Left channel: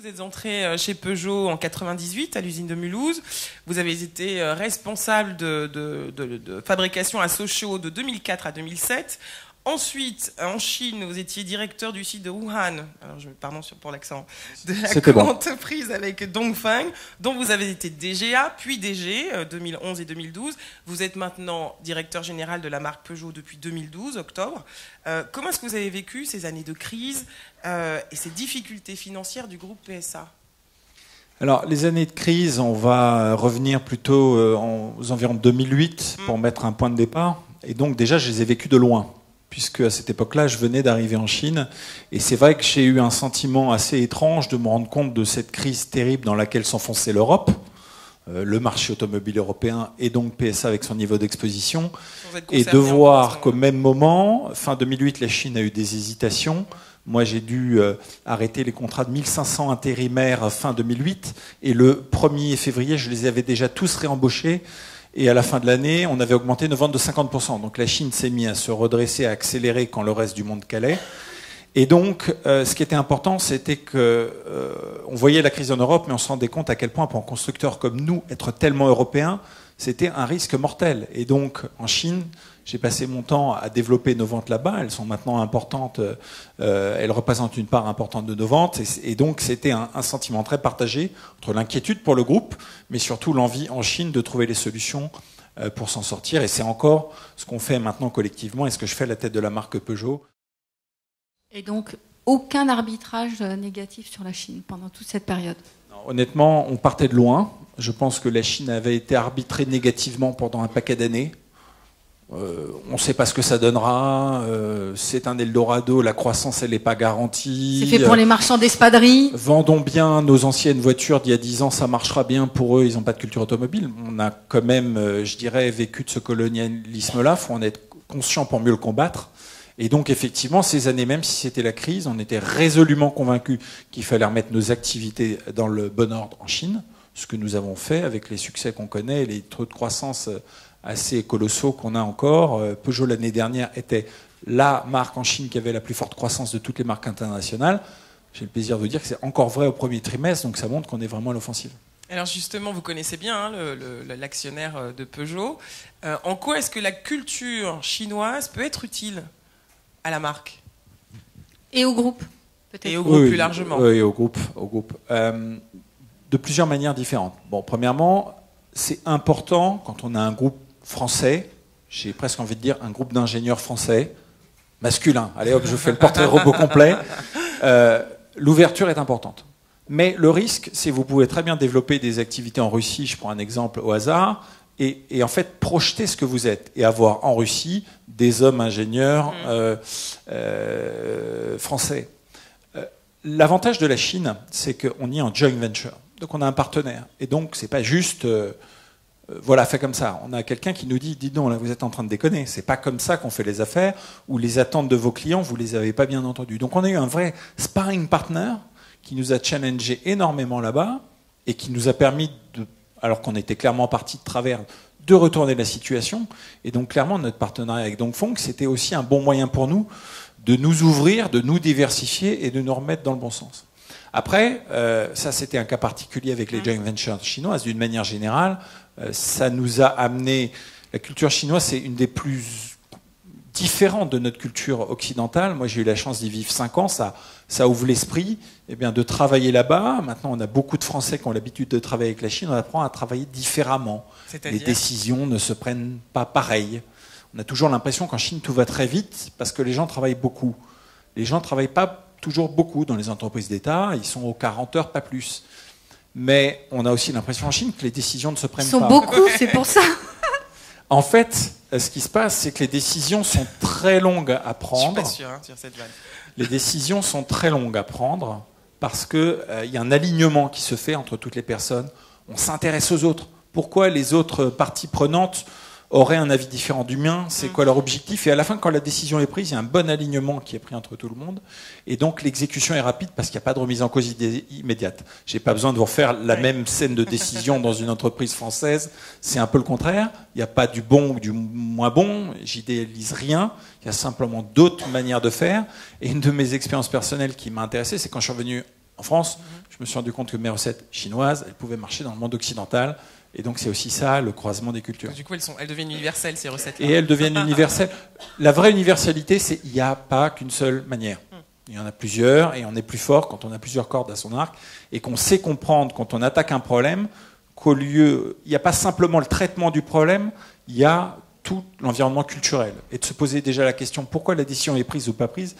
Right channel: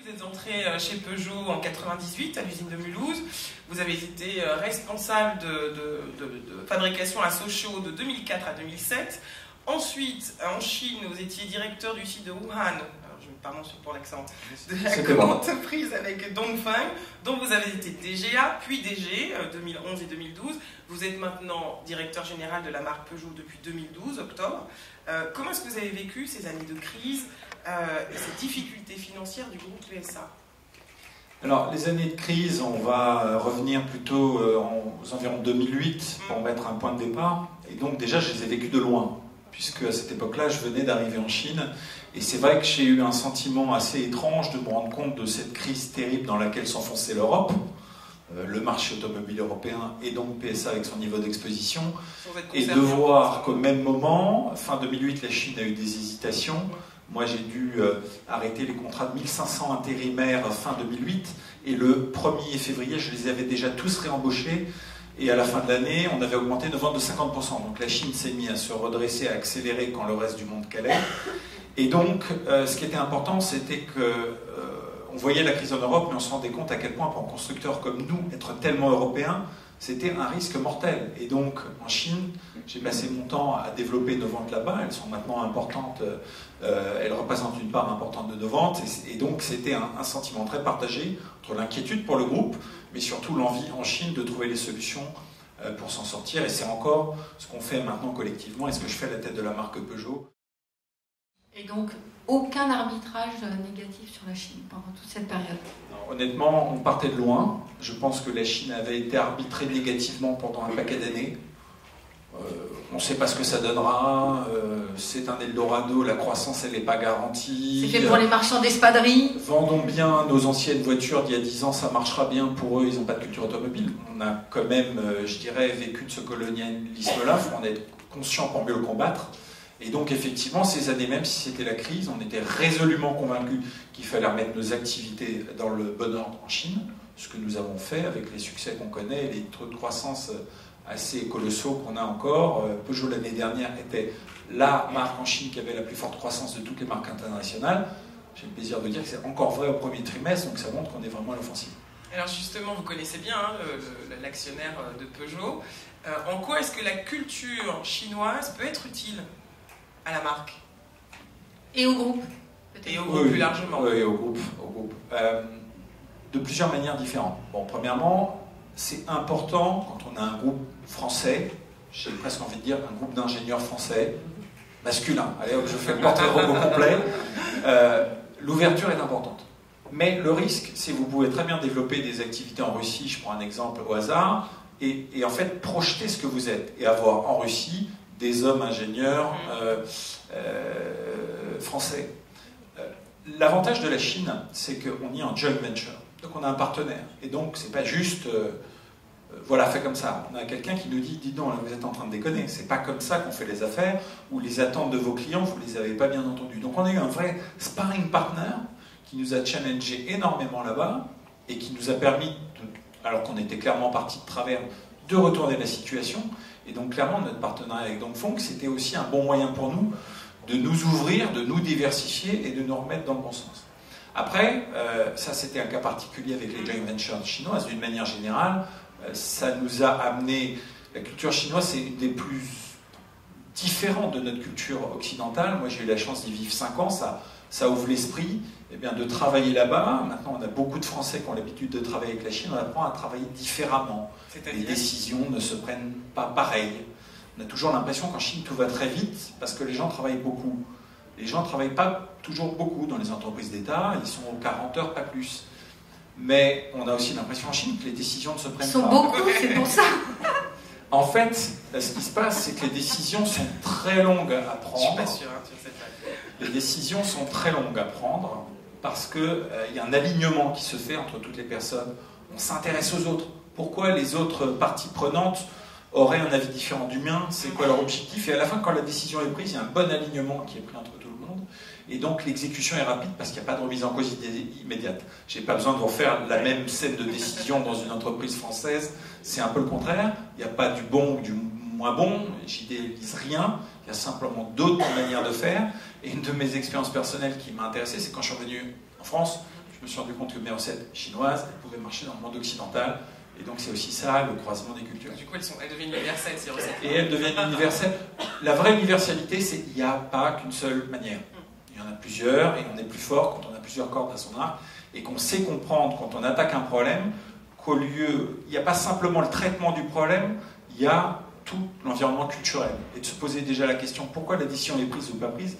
Vous êtes entré chez Peugeot en 98 à l'usine de Mulhouse. Vous avez été responsable de fabrication à Sochaux de 2004 à 2007. Ensuite, en Chine, vous étiez directeur du site de Wuhan, alors pardon pour l'accent, de la grande entreprise avec Dongfeng, dont vous avez été DGA, puis DG, 2011 et 2012. Vous êtes maintenant directeur général de la marque Peugeot depuis 2012, octobre. Comment est-ce que vous avez vécu ces années de crise et ces difficultés financières du groupe PSA? Alors, les années de crise, on va revenir plutôt aux environs 2008 pour mettre un point de départ. Et donc, déjà, je les ai vécus de loin, puisque à cette époque-là, je venais d'arriver en Chine. Et c'est vrai que j'ai eu un sentiment assez étrange de me rendre compte de cette crise terrible dans laquelle s'enfonçait l'Europe, le marché automobile européen et donc PSA avec son niveau d'exposition, et de voir qu'au même moment, fin 2008, la Chine a eu des hésitations. Moi, j'ai dû arrêter les contrats de 1500 intérimaires fin 2008, et le 1er février, je les avais déjà tous réembauchés. Et à la fin de l'année, on avait augmenté nos ventes de 50%. Donc la Chine s'est mise à se redresser, à accélérer quand le reste du monde calait. Et donc, ce qui était important, c'était que on voyait la crise en Europe, mais on se rendait compte à quel point, pour un constructeur comme nous, être tellement européen, c'était un risque mortel. Et donc, en Chine, j'ai passé mon temps à développer nos ventes là-bas. Elles sont maintenant importantes. Elles représentent une part importante de nos ventes. Et donc, c'était un sentiment très partagé entre l'inquiétude pour le groupe, mais surtout l'envie en Chine de trouver les solutions pour s'en sortir. Et c'est encore ce qu'on fait maintenant collectivement et ce que je fais à la tête de la marque Peugeot. Et donc, aucun arbitrage négatif sur la Chine pendant toute cette période? Honnêtement, on partait de loin. Je pense que la Chine avait été arbitrée négativement pendant un paquet d'années. On ne sait pas ce que ça donnera. C'est un Eldorado. La croissance, elle n'est pas garantie. C'est fait pour les marchands d'espadrilles. Vendons bien nos anciennes voitures d'il y a 10 ans, ça marchera bien pour eux. Ils n'ont pas de culture automobile. On a quand même, je dirais, vécu de ce colonialisme-là. Il faut en être conscient pour mieux le combattre. Et donc, effectivement, ces années, même si c'était la crise, on était résolument convaincus qu'il fallait remettre nos activités dans le bon ordre en Chine, ce que nous avons fait avec les succès qu'on connaît, les taux de croissance assez colossaux qu'on a encore. Peugeot, l'année dernière, était la marque en Chine qui avait la plus forte croissance de toutes les marques internationales. J'ai le plaisir de dire que c'est encore vrai au premier trimestre, donc ça montre qu'on est vraiment à l'offensive. Alors justement, vous connaissez bien l'actionnaire de Peugeot. En quoi est-ce que la culture chinoise peut être utile à la marque? Et au groupe, peut-être. Et au groupe plus largement. Oui, au groupe. De plusieurs manières différentes. Bon, premièrement, c'est important quand on a un groupe français, j'ai presque envie de dire un groupe d'ingénieurs français, masculin. Allez hop, je fais le portrait robot complet. L'ouverture est importante. Mais le risque, c'est que vous pouvez très bien développer des activités en Russie, je prends un exemple au hasard, et en fait projeter ce que vous êtes, et avoir en Russie des hommes ingénieurs français. L'avantage de la Chine, c'est qu'on y est en joint venture. Donc on a un partenaire. Et donc c'est pas juste, voilà, fait comme ça. On a quelqu'un qui nous dit, dis donc, là vous êtes en train de déconner. C'est pas comme ça qu'on fait les affaires, ou les attentes de vos clients, vous les avez pas bien entendues. Donc on a eu un vrai sparring partner qui nous a challengé énormément là-bas, et qui nous a permis, alors qu'on était clairement parti de travers, de retourner la situation. Et donc clairement, notre partenariat avec Dongfeng, c'était aussi un bon moyen pour nous de nous ouvrir, de nous diversifier et de nous remettre dans le bon sens. Après, ça c'était un cas particulier avec les joint ventures chinoises. D'une manière générale, ça nous a amené... La culture chinoise, c'est une des plus différentes de notre culture occidentale. Moi, j'ai eu la chance d'y vivre 5 ans. Ça ouvre l'esprit, eh bien, de travailler là-bas. Maintenant, on a beaucoup de Français qui ont l'habitude de travailler avec la Chine. On apprend à travailler différemment. Les décisions ne se prennent pas pareil. On a toujours l'impression qu'en Chine, tout va très vite parce que les gens travaillent beaucoup. Les gens ne travaillent pas toujours beaucoup dans les entreprises d'État. Ils sont aux 40 heures, pas plus. Mais on a aussi l'impression en Chine que les décisions ne se prennent pas. Ils sont beaucoup, c'est pour ça. En fait, ce qui se passe, c'est que les décisions sont très longues à prendre. Je suis pas sûr, sur cette vague. Les décisions sont très longues à prendre parce qu'il y a un alignement qui se fait entre toutes les personnes. On s'intéresse aux autres. Pourquoi les autres parties prenantes auraient un avis différent du mien? C'est quoi leur objectif? Et à la fin, quand la décision est prise, il y a un bon alignement qui est pris entre tout le monde. Et donc l'exécution est rapide parce qu'il n'y a pas de remise en cause immédiate. Je n'ai pas besoin de vous refaire la même scène de décision dans une entreprise française. C'est un peu le contraire. Il n'y a pas du bon ou du moins bon. J'idéalise rien. Il y a simplement d'autres manières de faire. Et une de mes expériences personnelles qui m'a intéressé, c'est quand je suis revenu en France, je je me suis rendu compte que mes recettes chinoises, elles pouvaient marcher dans le monde occidental. Et donc c'est aussi ça, le croisement des cultures. Du coup, elles deviennent universelles, ces recettes. Et elles deviennent universelles. La vraie universalité, c'est qu'il n'y a pas qu'une seule manière. Il y en a plusieurs, et on est plus fort quand on a plusieurs cordes à son arc, et qu'on sait comprendre quand on attaque un problème, qu'au lieu, il n'y a pas simplement le traitement du problème, il y a tout l'environnement culturel. Et de se poser déjà la question, pourquoi la décision est prise ou pas prise?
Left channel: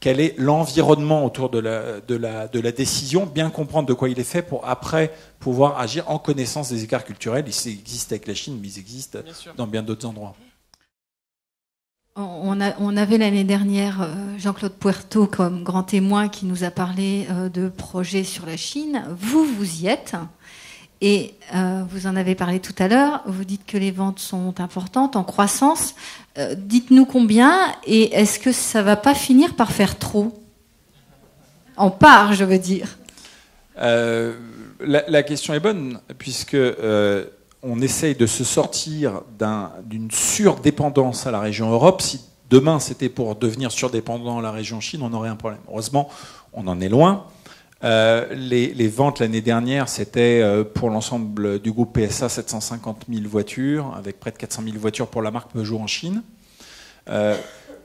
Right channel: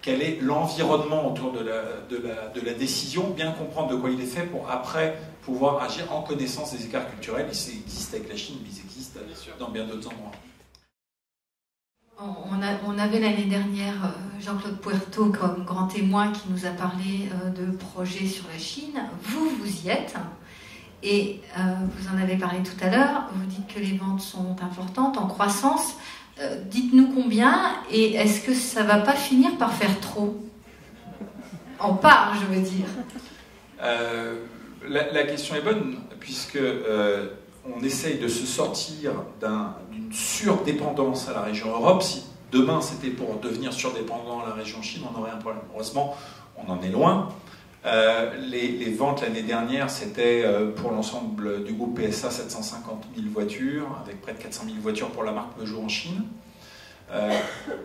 Quel est l'environnement autour de la décision? Bien comprendre de quoi il est fait pour après pouvoir agir en connaissance des écarts culturels. Ils existent avec la Chine, mais ils existent dans bien d'autres endroits. On avait l'année dernière Jean-Claude Puerto comme grand témoin qui nous a parlé de projets sur la Chine. Vous y êtes. Et vous en avez parlé tout à l'heure. Vous dites que les ventes sont importantes, en croissance. Dites-nous combien, et est-ce que ça ne va pas finir par faire trop? En part, je veux dire. La question est bonne, puisque on essaye de se sortir d'une surdépendance à la région Europe. Si demain c'était pour devenir surdépendant à la région Chine, on aurait un problème. Heureusement, on en est loin. Les ventes l'année dernière, c'était pour l'ensemble du groupe PSA 750 000 voitures, avec près de 400 000 voitures pour la marque Peugeot en Chine.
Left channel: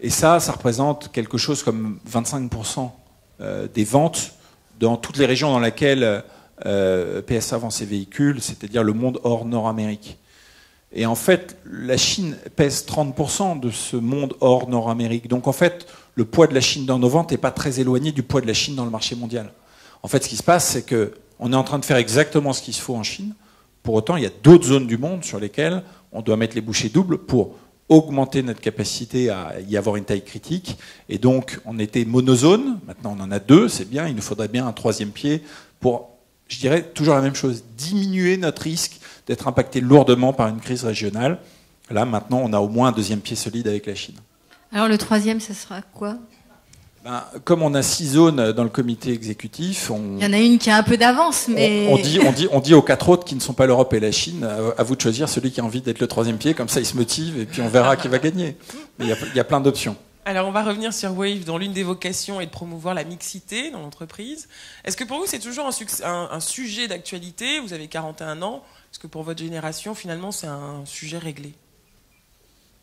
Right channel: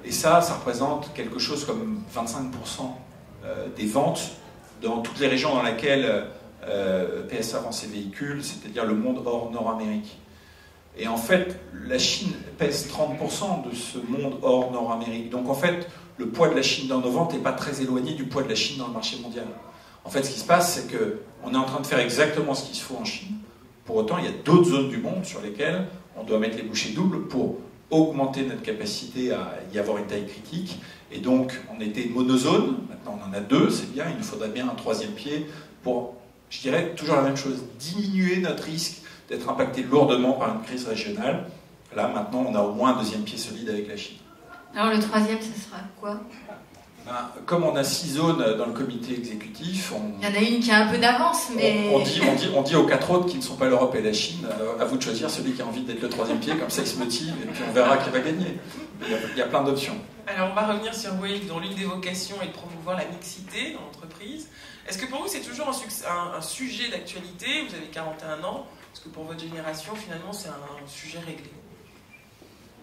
Et ça représente quelque chose comme 25% des ventes dans toutes les régions dans lesquelles PSA vend ses véhicules, c'est-à-dire le monde hors Nord-Amérique. Et en fait, la Chine pèse 30% de ce monde hors Nord-Amérique. Donc en fait, le poids de la Chine dans nos ventes n'est pas très éloigné du poids de la Chine dans le marché mondial. En fait, ce qui se passe, c'est qu'on est en train de faire exactement ce qu'il faut en Chine. Pour autant, il y a d'autres zones du monde sur lesquelles on doit mettre les bouchées doubles pour augmenter notre capacité à y avoir une taille critique. Et donc, on était monozone. Maintenant, on en a deux. C'est bien. Il nous faudrait bien un troisième pied pour, je dirais, toujours la même chose, diminuer notre risque d'être impacté lourdement par une crise régionale. Là, maintenant, on a au moins un deuxième pied solide avec la Chine. Alors, le troisième, ce sera quoi ? Comme on a 6 zones dans le comité exécutif, il y en a une qui a un peu d'avance, mais... On dit aux 4 autres qui ne sont pas l'Europe et la Chine, à vous de choisir celui qui a envie d'être le troisième pied, comme ça il se motive et puis on verra qui va gagner. Mais il y a plein d'options. Alors on va revenir sur Wave, dont l'une des vocations est de promouvoir la mixité dans l'entreprise. Est-ce que pour vous c'est toujours un sujet d'actualité? Vous avez 41 ans, est-ce que pour votre génération finalement c'est un sujet réglé?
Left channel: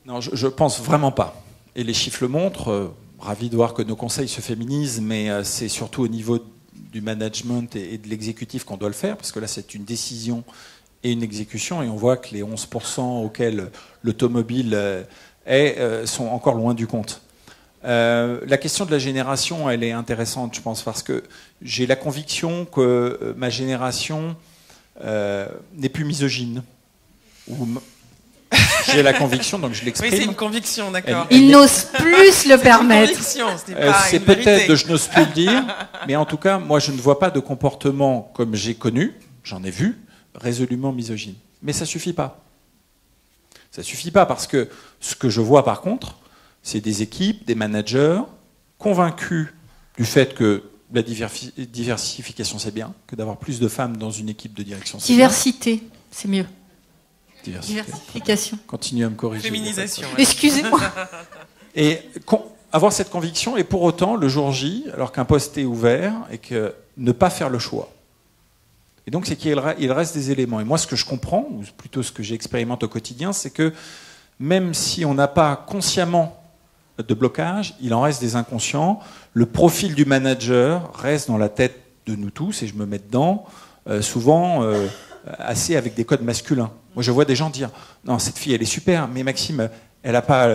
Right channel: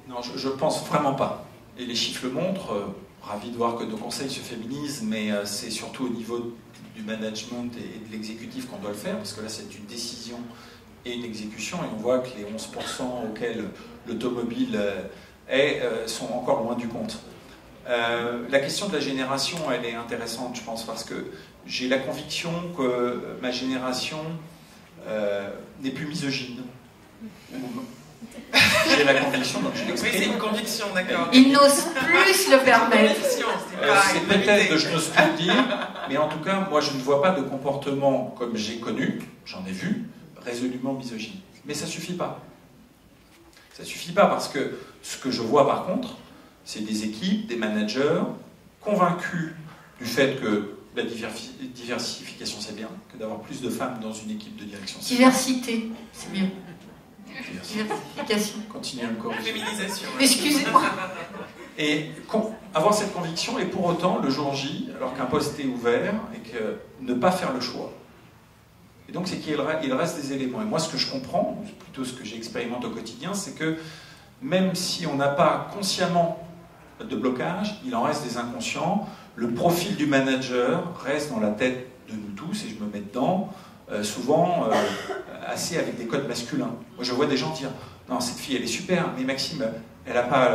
Non, je pense vraiment pas. Et les chiffres le montrent. Ravi de voir que nos conseils se féminisent, mais c'est surtout au niveau du management et de l'exécutif qu'on doit le faire, parce que là c'est une décision et une exécution, et on voit que les 11% auxquels l'automobile sont encore loin du compte. La question de la génération, elle est intéressante, je pense, parce que j'ai la conviction que ma génération n'est plus misogyne. J'ai la conviction, donc je l'exprime. Oui, c'est une conviction, d'accord. Il n'ose plus le permettre. C'est peut-être, je n'ose plus le dire, mais en tout cas, moi, je ne vois pas de comportement comme j'ai connu, j'en ai vu, résolument misogyne. Mais ça suffit pas. Ça suffit pas parce que ce que je vois, par contre, c'est des équipes, des managers convaincus du fait que la diversification, c'est bien, que d'avoir plus de femmes dans une équipe de direction, c'est diversité, bien. C'est mieux. Diversification. Continue à me corriger. Féminisation. Excusez-moi. Et avoir cette conviction, et pour autant, le jour J, alors qu'un poste est ouvert, et que ne pas faire le choix. Et donc, c'est qu'il reste des éléments. Et moi, ce que je comprends, ou plutôt ce que j'expérimente au quotidien, c'est que même si on n'a pas consciemment de blocage, il en reste des inconscients. Le profil du manager reste dans la tête de nous tous, et je me mets dedans. Souvent assez avec des codes masculins. Moi, je vois des gens dire « Non, cette fille, elle est super, mais Maxime, elle n'a pas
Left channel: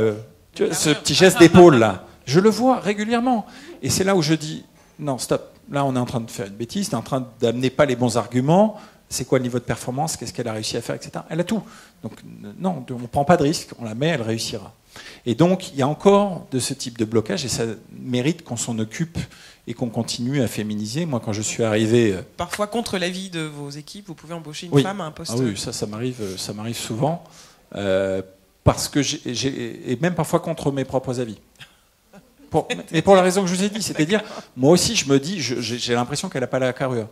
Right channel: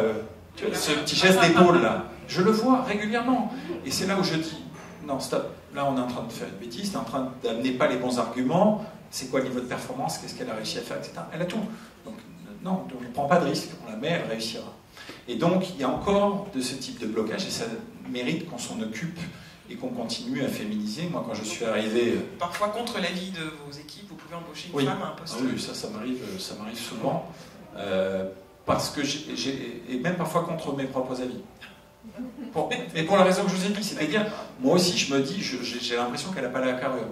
ce petit geste d'épaule, là. » Je le vois régulièrement. Et c'est là où je dis « Non, stop. Là, on est en train de faire une bêtise. Tu es en train d'amener pas les bons arguments. C'est quoi le niveau de performance? Qu'est-ce qu'elle a réussi à faire, etc. » Elle a tout. Donc, non, on ne prend pas de risque. On la met, elle réussira. Et donc, il y a encore de ce type de blocage, et ça mérite qu'on s'en occupe et qu'on continue à féminiser. Moi, quand je suis arrivé... Parfois, contre l'avis de vos équipes, vous pouvez embaucher une femme à un poste... Ah oui, ça m'arrive souvent. Parce que et même parfois contre mes propres avis. Mais pour la raison que je vous ai dit, c'est-à-dire, moi aussi, je me dis, j'ai l'impression qu'elle n'a pas la carrure.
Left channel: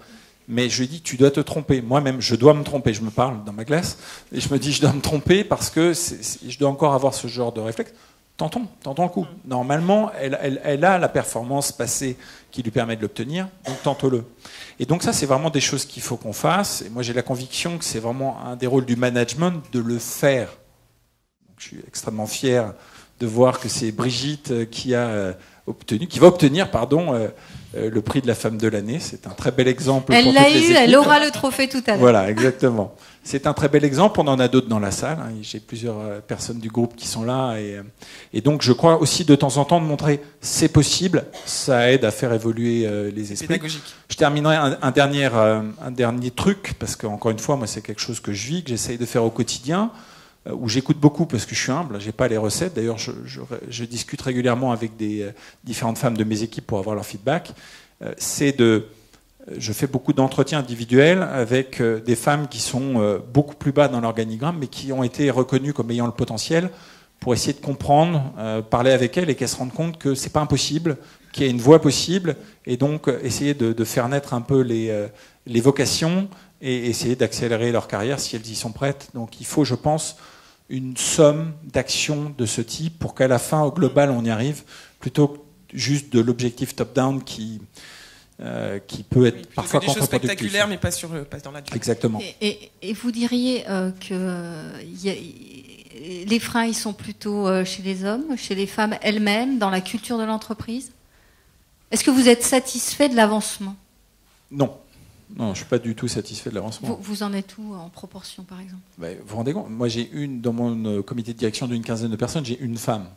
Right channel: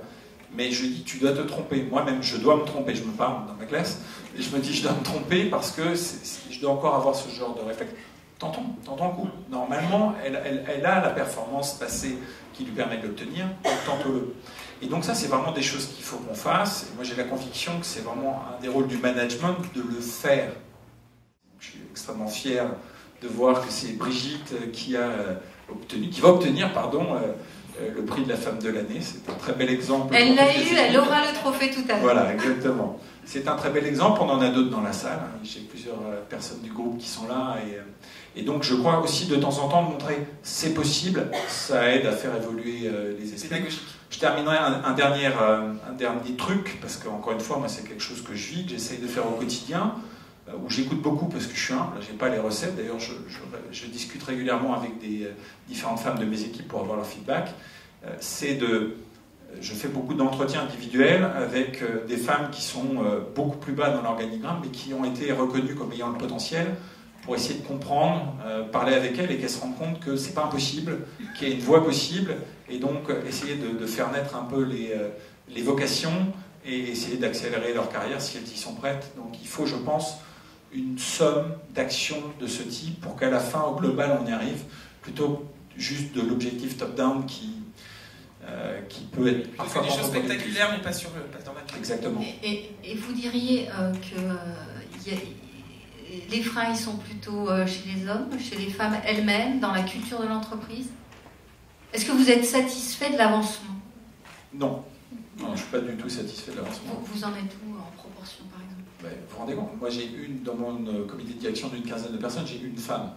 Mais je lui dis, tu dois te tromper. Moi-même, je dois me tromper. Je me parle dans ma classe, et je me dis, je dois me tromper parce que je dois encore avoir ce genre de réflexe. Tentons le coup. Normalement, elle a la performance passée qui lui permet de l'obtenir, donc tente-le. Et donc ça, c'est vraiment des choses qu'il faut qu'on fasse. Et moi, j'ai la conviction que c'est vraiment un des rôles du management de le faire. Je suis extrêmement fier de voir que c'est Brigitte qui va obtenir le prix de la femme de l'année. C'est un très bel exemple. Elle l'a eu, elle aura le trophée tout à l'heure. Voilà, exactement. C'est un très bel exemple. On en a d'autres dans la salle. J'ai plusieurs personnes du groupe qui sont là. Et donc, je crois aussi de temps en temps de montrer c'est possible. Ça aide à faire évoluer les esprits. Pédagogique. Je terminerai un dernier truc, parce qu'encore une fois, moi, c'est quelque chose que je vis, que j'essaye de faire au quotidien, où j'écoute beaucoup parce que je suis humble. J'ai pas les recettes. D'ailleurs, je discute régulièrement avec des différentes femmes de mes équipes pour avoir leur feedback. Je fais beaucoup d'entretiens individuels avec des femmes qui sont beaucoup plus bas dans l'organigramme, mais qui ont été reconnues comme ayant le potentiel, pour essayer de comprendre, parler avec elles et qu'elles se rendent compte que c'est pas impossible, qu'il y a une voie possible, et donc essayer de faire naître un peu les vocations et essayer d'accélérer leur carrière si elles y sont prêtes. Donc il faut, je pense, une somme d'actions de ce type pour qu'à la fin, au global, on y arrive, plutôt juste de l'objectif top-down qui peut être parfois des choses contre-productif. spectaculaires, mais pas dans la vie. Exactement. Et vous diriez que les freins, ils sont plutôt chez les hommes, chez les femmes elles-mêmes, dans la culture de l'entreprise? Est-ce que vous êtes satisfait de l'avancement? Non. Non, je ne suis pas du tout satisfait de l'avancement. Vous en êtes où en proportion, par exemple? Vous vous rendez compte? Moi, dans mon comité de direction d'une quinzaine de personnes, j'ai une femme.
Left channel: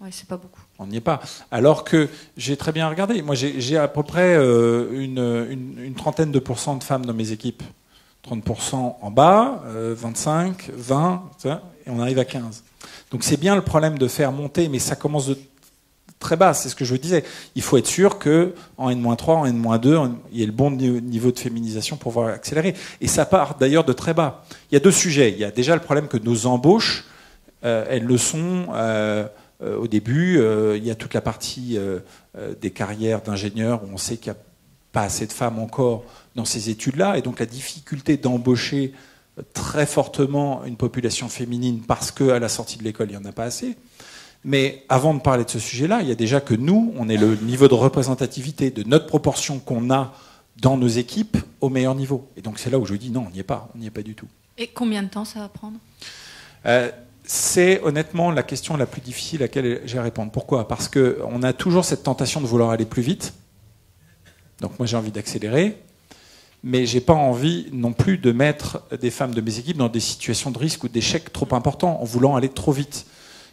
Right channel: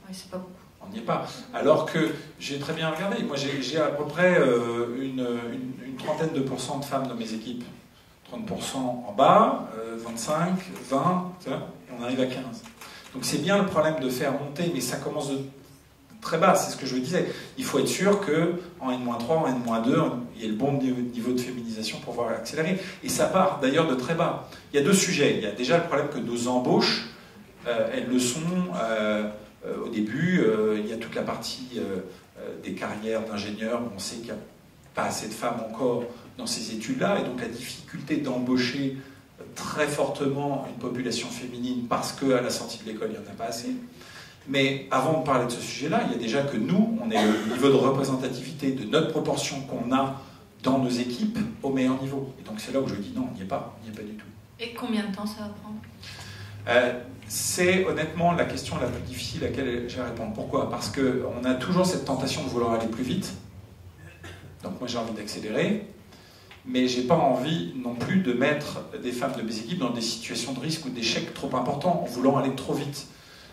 Oui, c'est pas beaucoup. On n'y est pas. Alors que j'ai très bien regardé. Moi, j'ai à peu près une trentaine de pourcents de femmes dans mes équipes. 30% en bas, 25, 20, et on arrive à 15. Donc c'est bien le problème de faire monter, mais ça commence de très bas, c'est ce que je disais. Il faut être sûr qu'en N-3, en N-2, il y ait le bon niveau de féminisation pour pouvoir accélérer. Et ça part d'ailleurs de très bas. Il y a deux sujets. Il y a déjà le problème que nos embauches, elles le sont au début. Il y a toute la partie des carrières d'ingénieurs. On sait qu'il n'y a pas assez de femmes encore dans ces études-là, et donc la difficulté d'embaucher très fortement une population féminine parce qu'à la sortie de l'école, il n'y en a pas assez. Mais avant de parler de ce sujet-là, il y a déjà que nous, on est le niveau de représentativité de notre proportion qu'on a dans nos équipes au meilleur niveau. Et donc c'est là où je dis non, on n'y est pas du tout. Et combien de temps ça va prendre? C'est honnêtement la question la plus difficile à laquelle j'ai à répondre. Pourquoi? Parce qu'on a toujours cette tentation de vouloir aller plus vite. Donc moi j'ai envie d'accélérer. Mais j'ai pas envie non plus de mettre des femmes de mes équipes dans des situations de risque ou d'échec trop importants en voulant aller trop vite.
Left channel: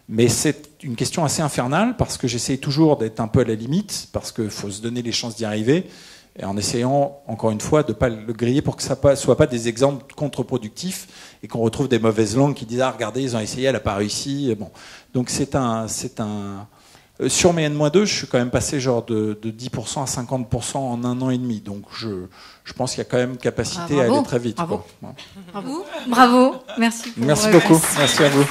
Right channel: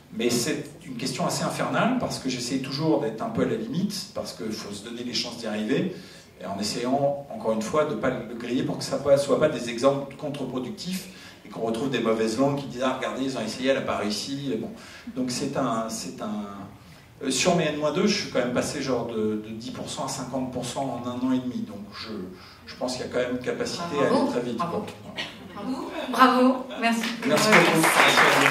Mais c'est une question assez infernale parce que j'essaie toujours d'être un peu à la limite, parce qu'il faut se donner les chances d'y arriver, et en essayant, encore une fois, de ne pas le griller pour que ça ne soit pas des exemples contre-productifs et qu'on retrouve des mauvaises langues qui disent « Ah, regardez, ils ont essayé, elle n'a pas réussi. » Bon. Donc sur mes N-2, je suis quand même passé genre de 10% à 50% en 1 an et demi. Donc je pense qu'il y a quand même une capacité à aller très vite. Bravo. Quoi. Bravo. Merci. Merci beaucoup. Merci à vous.